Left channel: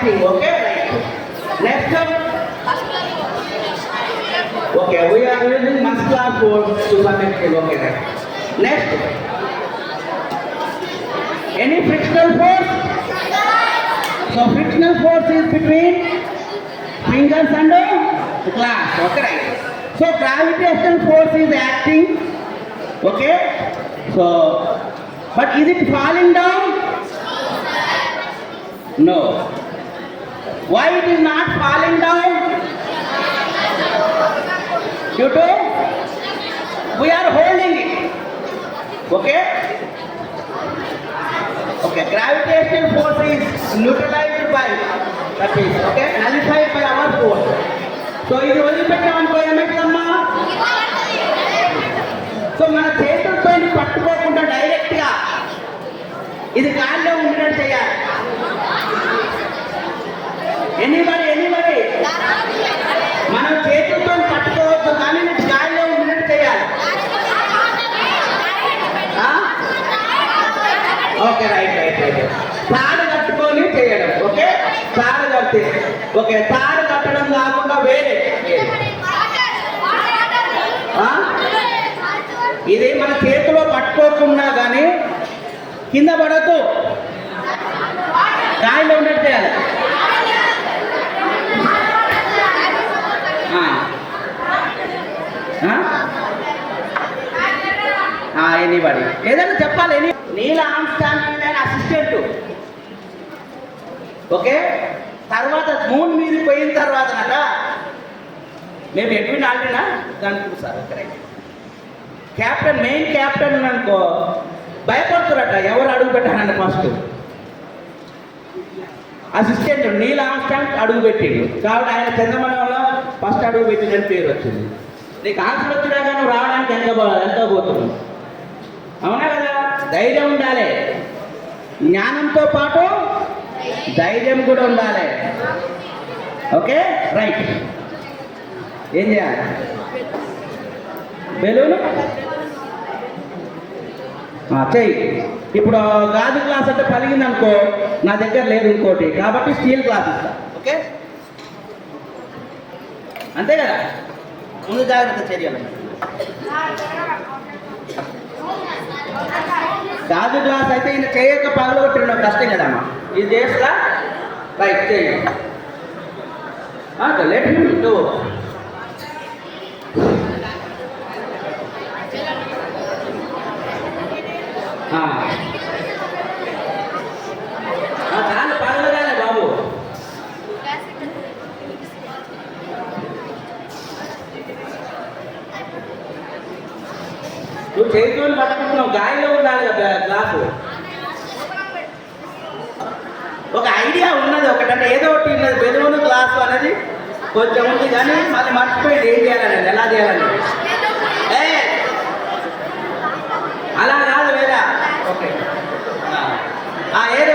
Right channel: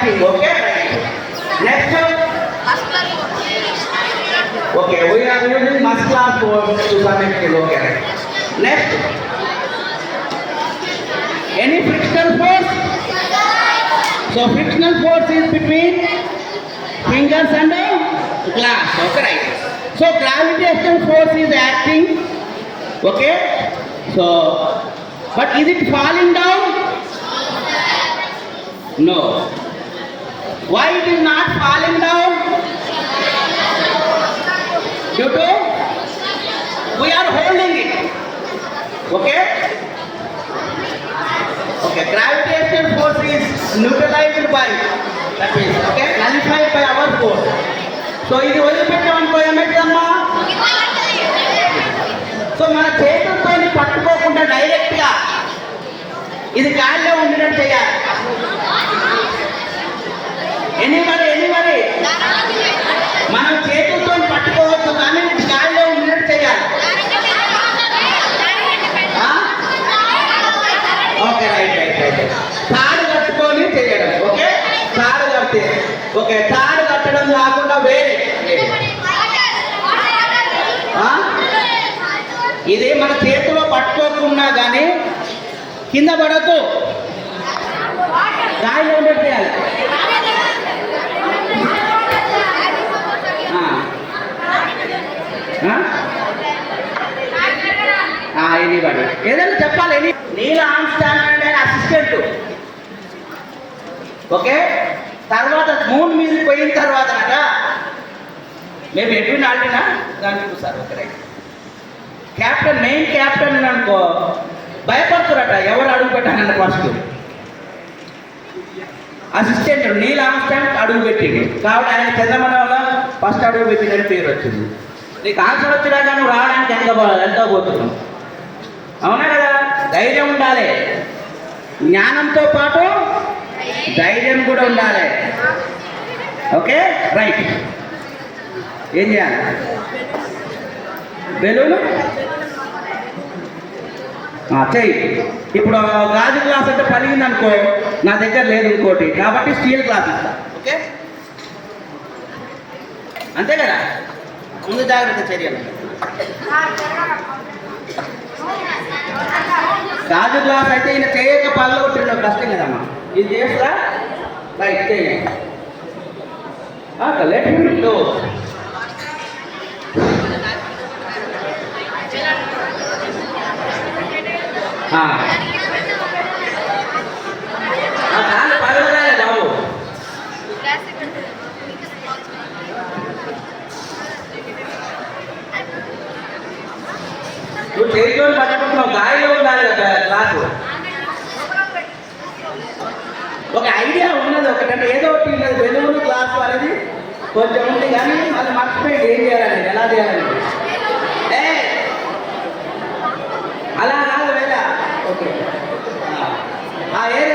acting. Okay, right. Next. Okay, we are using muscular force to some extent. Okay, right. Next. Any frictional force? So frictional force is between fingers and glass. Okay, right. So gravitational force is acting. Okay. So, but is it falling down? No. Why it is not falling down? Due to we are holding it. Okay. Okay. Gravitational force is neutralized by that is okay nullified by our force. So ఇది వదిలిపెట్టామనుకో ఏమైతుందమ్మా? So మన చేతులతో పట్టుకోకుండా డైరెక్ట్గా ఇది గాలిలో ఉండడం చేయాలి. Anybody మనం చేతులతో పట్టుకోవద్దు కానీ ఇది గాలిలో ఉండడం చేయాలి. Okay right. తాడు కట్టుకొని చేయడం. ఓకే తాడు కట్టి ఓకే తాడు కట్టడం కాకుండా వేరే ఇది మన చేతిలో పట్టుకోకుండా కానీ కింద పడద్దు గాలిలో ఉండేది చేయాలి. ఎనీబడి ఏదైనా చెప్పాలి. నీల్ ఆర్మ్స్ట్రాంగ్ అంటే అసిస్టెంట్. ఓకే తర్వాత మూన్ మీద పోయిన తర్వాత మేము ఎడ్విన్ ఆల్డినా దానికి చూస్తారు. Okay right. Captain main captain అనుకో భయపడుతురట ఎవరు అడుగు పెట్టానంటే ఫస్ట్ అసిస్టెంట్ నీల్ ఆర్మ్స్ట్రాంగ్ అడుగు పెట్టిండు కాబట్టి ఆయన చంద్రమండలంలో ఫస్ట్ అడుగు పెట్టిందని పేరు వచ్చింది. నీకు ఆన్సర్ వచ్చినాక నువ్వు రావడానికి ఎంత పోతున్నావు? అవునా కదా? ధైర్యం ఉండాలి. జ్ఞానంతో పాటు ధైర్యం కూడా ఉండాలి. Okay right. ఏం చేయాలి? బెలూను చెయ్యి. ఇప్పుడు గాజు గ్లాస్ అంటే పలిగింది అనుకో, నా దగ్గర లేదు ఇంకోటి కాబట్టి స్టీల్ గ్లాస్ ఇస్తా. ఓకే అంతే కదా? ముందు జాగ్రత్త చర్యలు. గాజు గ్లాస్ అయితే ఈయన చేయక పనులు కొట్టిన కష్టం కదమ్మా. ఇది చేస్తా రైట్ చేయండి. Let him do. పర్వాలేదు బాబు. నువ్వు చేతితో పట్టుకుంటున్నావు, గాలిలో ఉండాలి కదా గ్లాసు. ఒక ఐడియా ఉన్నది ఒకటంటే ఏదో ఒకటి వెలుగును గ్లాసు అనేది కొంచెం ఉంది కానీ మళ్ళీ మర్చిపోయి ఏం చేయాలని ఎలా చేయాలని అలా కాదు వేరే. ఓకే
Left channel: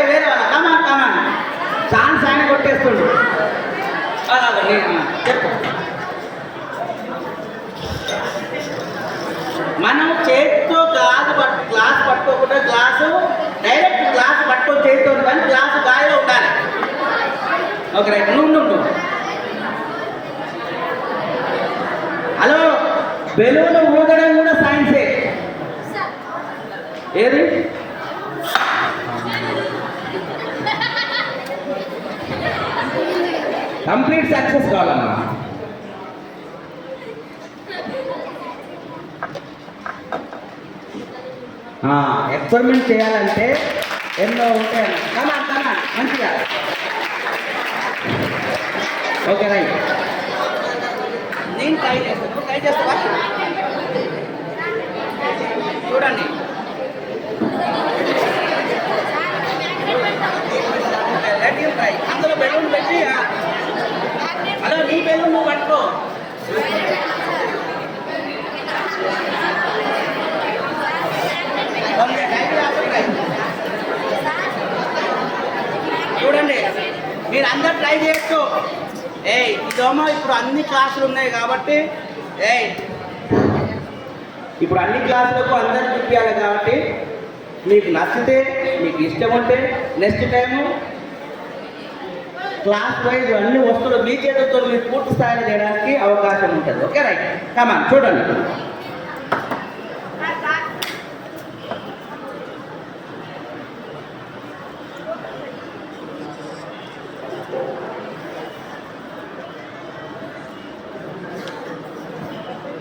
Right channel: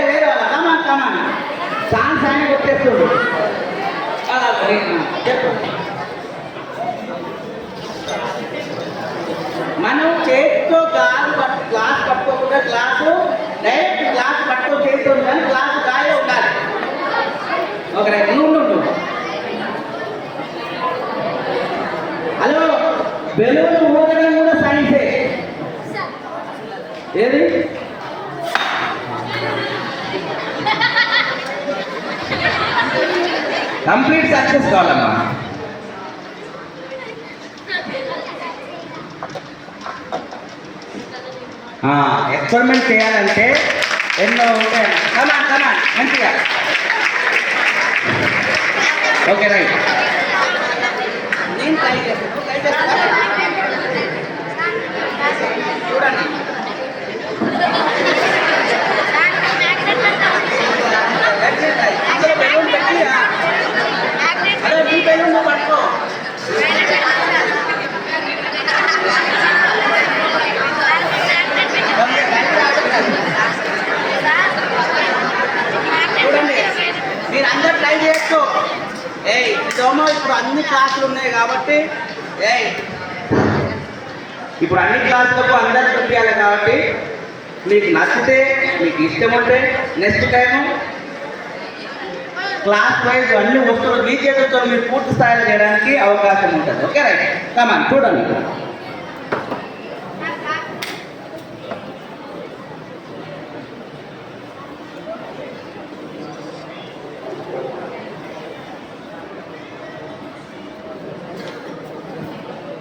వేరే వాళ్ళ కమాన్ ఛాన్స్ ఆయన కొట్టేస్తుండ్రు. చెప్పు. మనం చేతితో గ్లాస్ పట్టుకోకుండా గ్లాసు డైరెక్ట్ గ్లాస్ పట్టుకొని చేతితో కానీ గ్లాసు గాలిలో ఉండాలి. ఓకే నువ్వు హలో బెలూన్ ఊగడం కూడా సైన్సే. ఏది కంప్లీట్ సక్సెస్ కావాలమ్మా. ఎక్స్పెరిమెంట్ చేయాలంటే ఎన్నో ఉంటాయి. కమాన్ మంచిగా. Okay right. నేను ట్రై చేస్తాను. చూడండి. అందులో బెలూన్ పెట్టి అదే నీ బెలూన్ నువ్వు పట్టుకో. చూడండి మీరు అందరు ట్రై చేయొచ్చు. ఇదేమో ఇప్పుడు అన్ని క్లాసులు ఉన్నాయి కాబట్టి ఇప్పుడు అన్ని క్లాసులకు అందరు చూపించాలి కాబట్టి మీకు నచ్చితే మీకు ఇష్టం ఉంటే నెక్స్ట్ టైము క్లాస్ వైజ్ అన్ని వస్తువులు మీ చేతులతో మీరు పూర్తి స్థాయిలో చేయడానికి అవకాశం ఉంటుంది. ఓకే రైట్, కమాన్ చూడండి.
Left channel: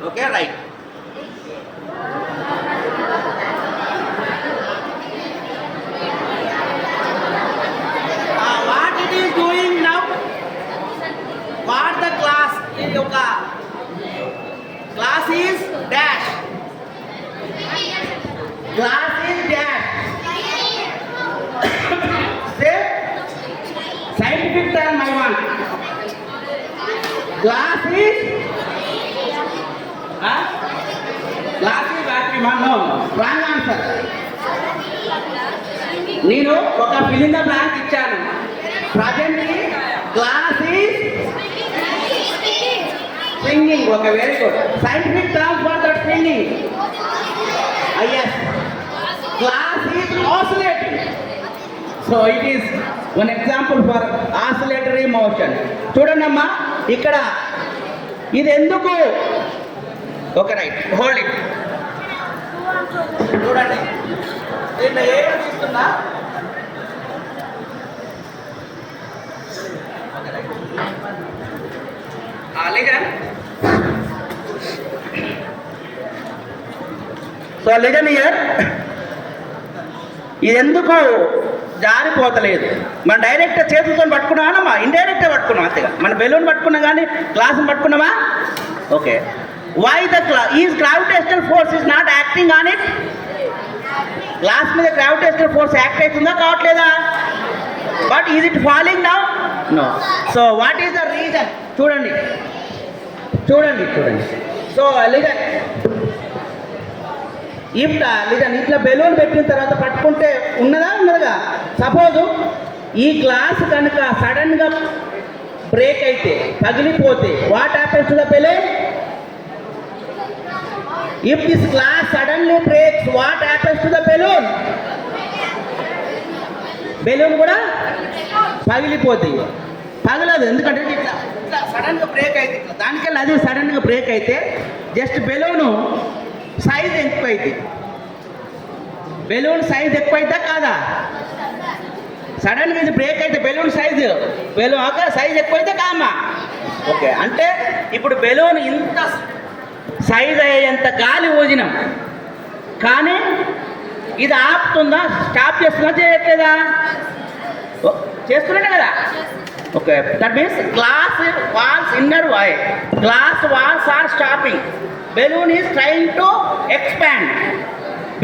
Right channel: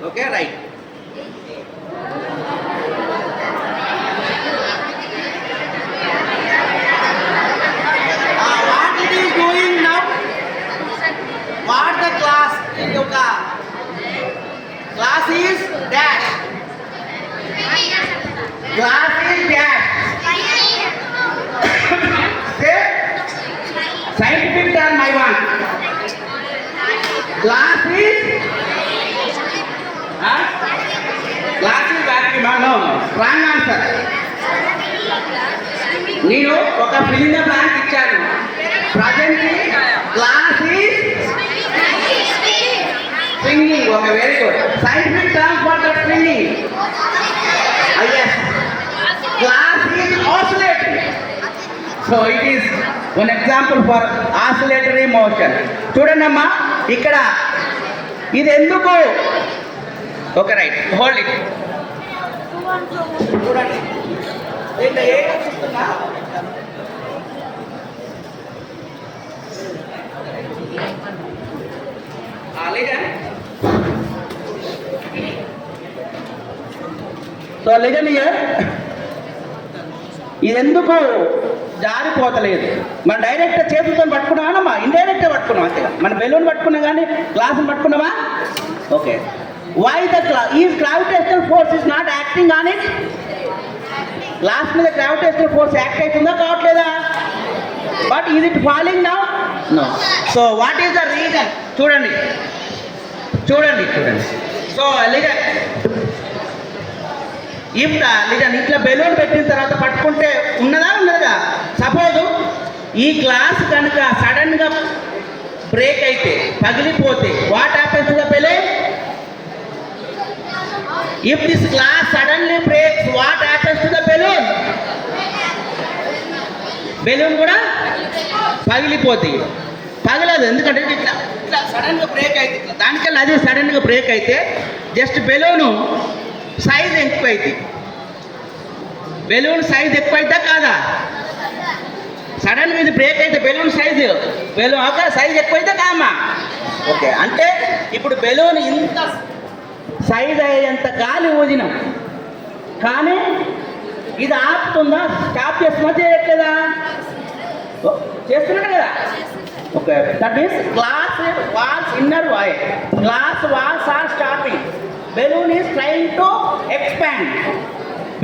Okay right. What it is doing now? What the class యొక్క class is dash. Class is dash. Say scientific term I want. Class is class is vacuum. No, wrong answer. నేను ఒక fill in the blank ఇచ్చాను. Presently class is swinging. Okay, very good. Scientific term for the swinging. yes, class is oscillating. So it is one example for oscillatory motion. చూడండి అమ్మా, ఇక్కడ ఇది ఎందుకు? Okay right, hold it. చూడండి, దీంట్లో ఏమో తీస్తున్నా. లిజన్. So listen year. ఇది ఎందుకు జారిపోతలేదు? మన డైరెక్ట్ చేతులతో పట్టుకున్నామా, ఇండైరెక్ట్గా పట్టుకున్నాం అంతేగా. మన బెలూన్ పట్టుకున్నా కానీ గ్లాసుని పట్టుకున్నామా? Okay. Why the gravitational force is not acting on it? Glass మీద gravitational force యాక్ట్ అవుతుందా కావట్లేదా? But is it falling now? No. So what is the reason? చూడండి చూడండి చూడండి. సో లిజన్, లిజన్ ఇట్లా బెలూన్ పెట్టిన తర్వాత పట్టుకుంటే ఉన్నదా? సపోజ్ ఈ గ్లాస్ కనుక సడన్గా బ్రేక్ అయితే, పగిలిపోతే, what happens to the balloon? If this glass suddenly breaks, what happens to the balloon? Balloon కూడా పగిలిపోతాయి. పగలదు, ఎందుకంటే ఇట్లా ఇట్లా సడన్గా బ్రేక్ అయితే, ఇట్లా దానికల్లా అది సడన్గా బ్రేక్ అయితే జస్ట్ బెలూను సైజ్ ఎక్కువైంది. బెలూన్ సైజ్ ఎక్కువైతే కాదా? సడన్గా ఇది బ్రేక్ అయితే బెలూన్ సైజ్ ఎక్కువైతే కామా? ఓకే, అంటే ఇప్పుడు బెలూన్ ఇంత సైజ్ అయ్యేంత గాలి ఊదినాం, కానీ ఇది ఆపుతుందా? స్టాప్ చేస్తుందా? చేయట్లేదా? చేస్తున్నాడు కదా. Okay, that means glass walls inner wall, glass walls are stopping. Balloon is trying to expand.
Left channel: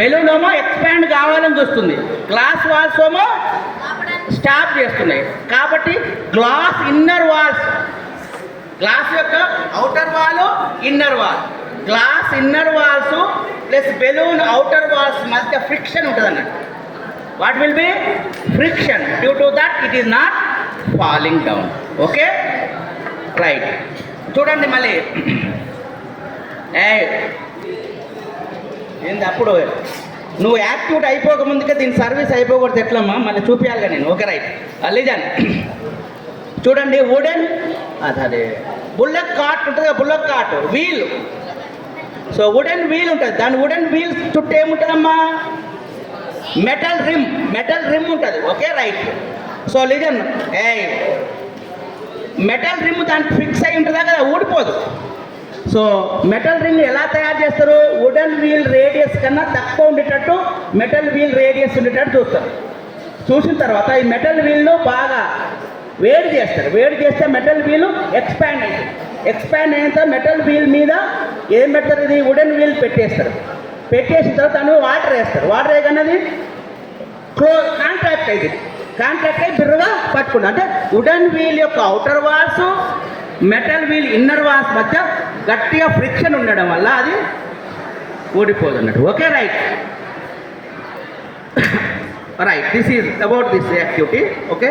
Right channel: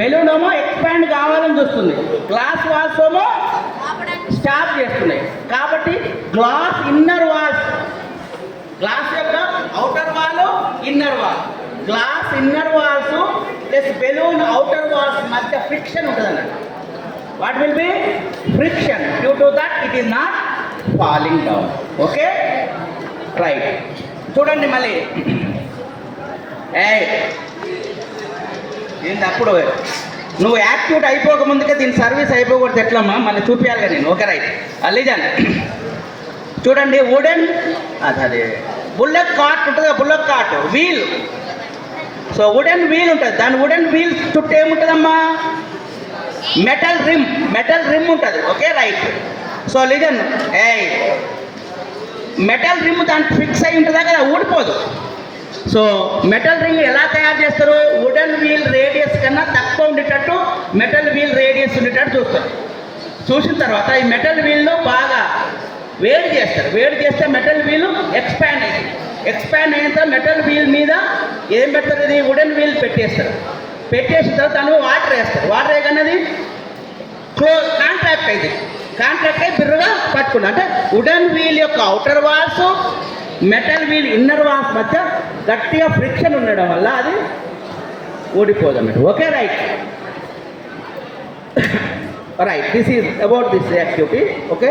Balloon ఏమో ఎక్స్పాండ్ కావాలని చూస్తుంది, గ్లాస్ వాల్స్ ఏమో స్టాప్ చేస్తున్నాయి. కాబట్టి గ్లాస్ ఇన్నర్ వాల్స్, గ్లాస్ యొక్క outer wall, inner wall, glass inner walls plus balloon outer walls మధ్య friction ఉంటుంది అన్నట్టు. What will be friction? Due to that it is not falling down. Okay right. చూడండి మళ్ళీ. ఏంది అప్పుడు నువ్వు యాక్టివేట్ అయిపోక ముందుగా దీని సర్వీస్ అయిపోకూడదు ఎట్లమ్మా? మళ్ళీ చూపించాలిగా నేను. Okay right. లిజన్, చూడండి. వుడెన్ అదే బుల్లెట్ కార్ట్ ఉంటుంది కదా, bullet cart wheel. So wooden wheel ఉంటుంది, దాని వుడెన్ వీల్ చుట్టూ ఏముంటుందమ్మా? మెటల్ రిమ్ ఉంటుంది. Okay right. So listen, metal rim దానికి ఫిక్స్ అయి ఉంటుందా కదా, ఊడిపోదు. సో మెటల్ రింగ్ ఎలా తయారు చేస్తారు? వుడెన్ వీల్ రేడియస్ కన్నా తక్కువ ఉండేటట్టు మెటల్ వీల్ రేడియస్ ఉండేటట్టు చూస్తారు. చూసిన తర్వాత ఈ మెటల్ వీల్ను బాగా వేడి చేస్తారు. వేడి చేస్తే మెటల్ వీల్ ఎక్స్పాండ్ అవుతుంది. ఎక్స్పాండ్ అయిన తర్వాత మెటల్ వీల్ మీద ఏం పెడతారు? ఇది వుడెన్ వీల్ పెట్టేస్తారు. పెట్టేసిన తర్వాత దాని వాటర్ వేస్తారు. వాటర్ వేయగానే కాంట్రాక్ట్ అయి బిర్రగా పట్టుకుంది. అంటే వుడెన్ వీల్ యొక్క outer walls, metal wheel inner walls మధ్య గట్టిగా ఫ్రిక్షన్ ఉండడం వల్ల అది ఊడిపోదు అన్నట్టు. Okay right. Right, this is about this activity. Okay.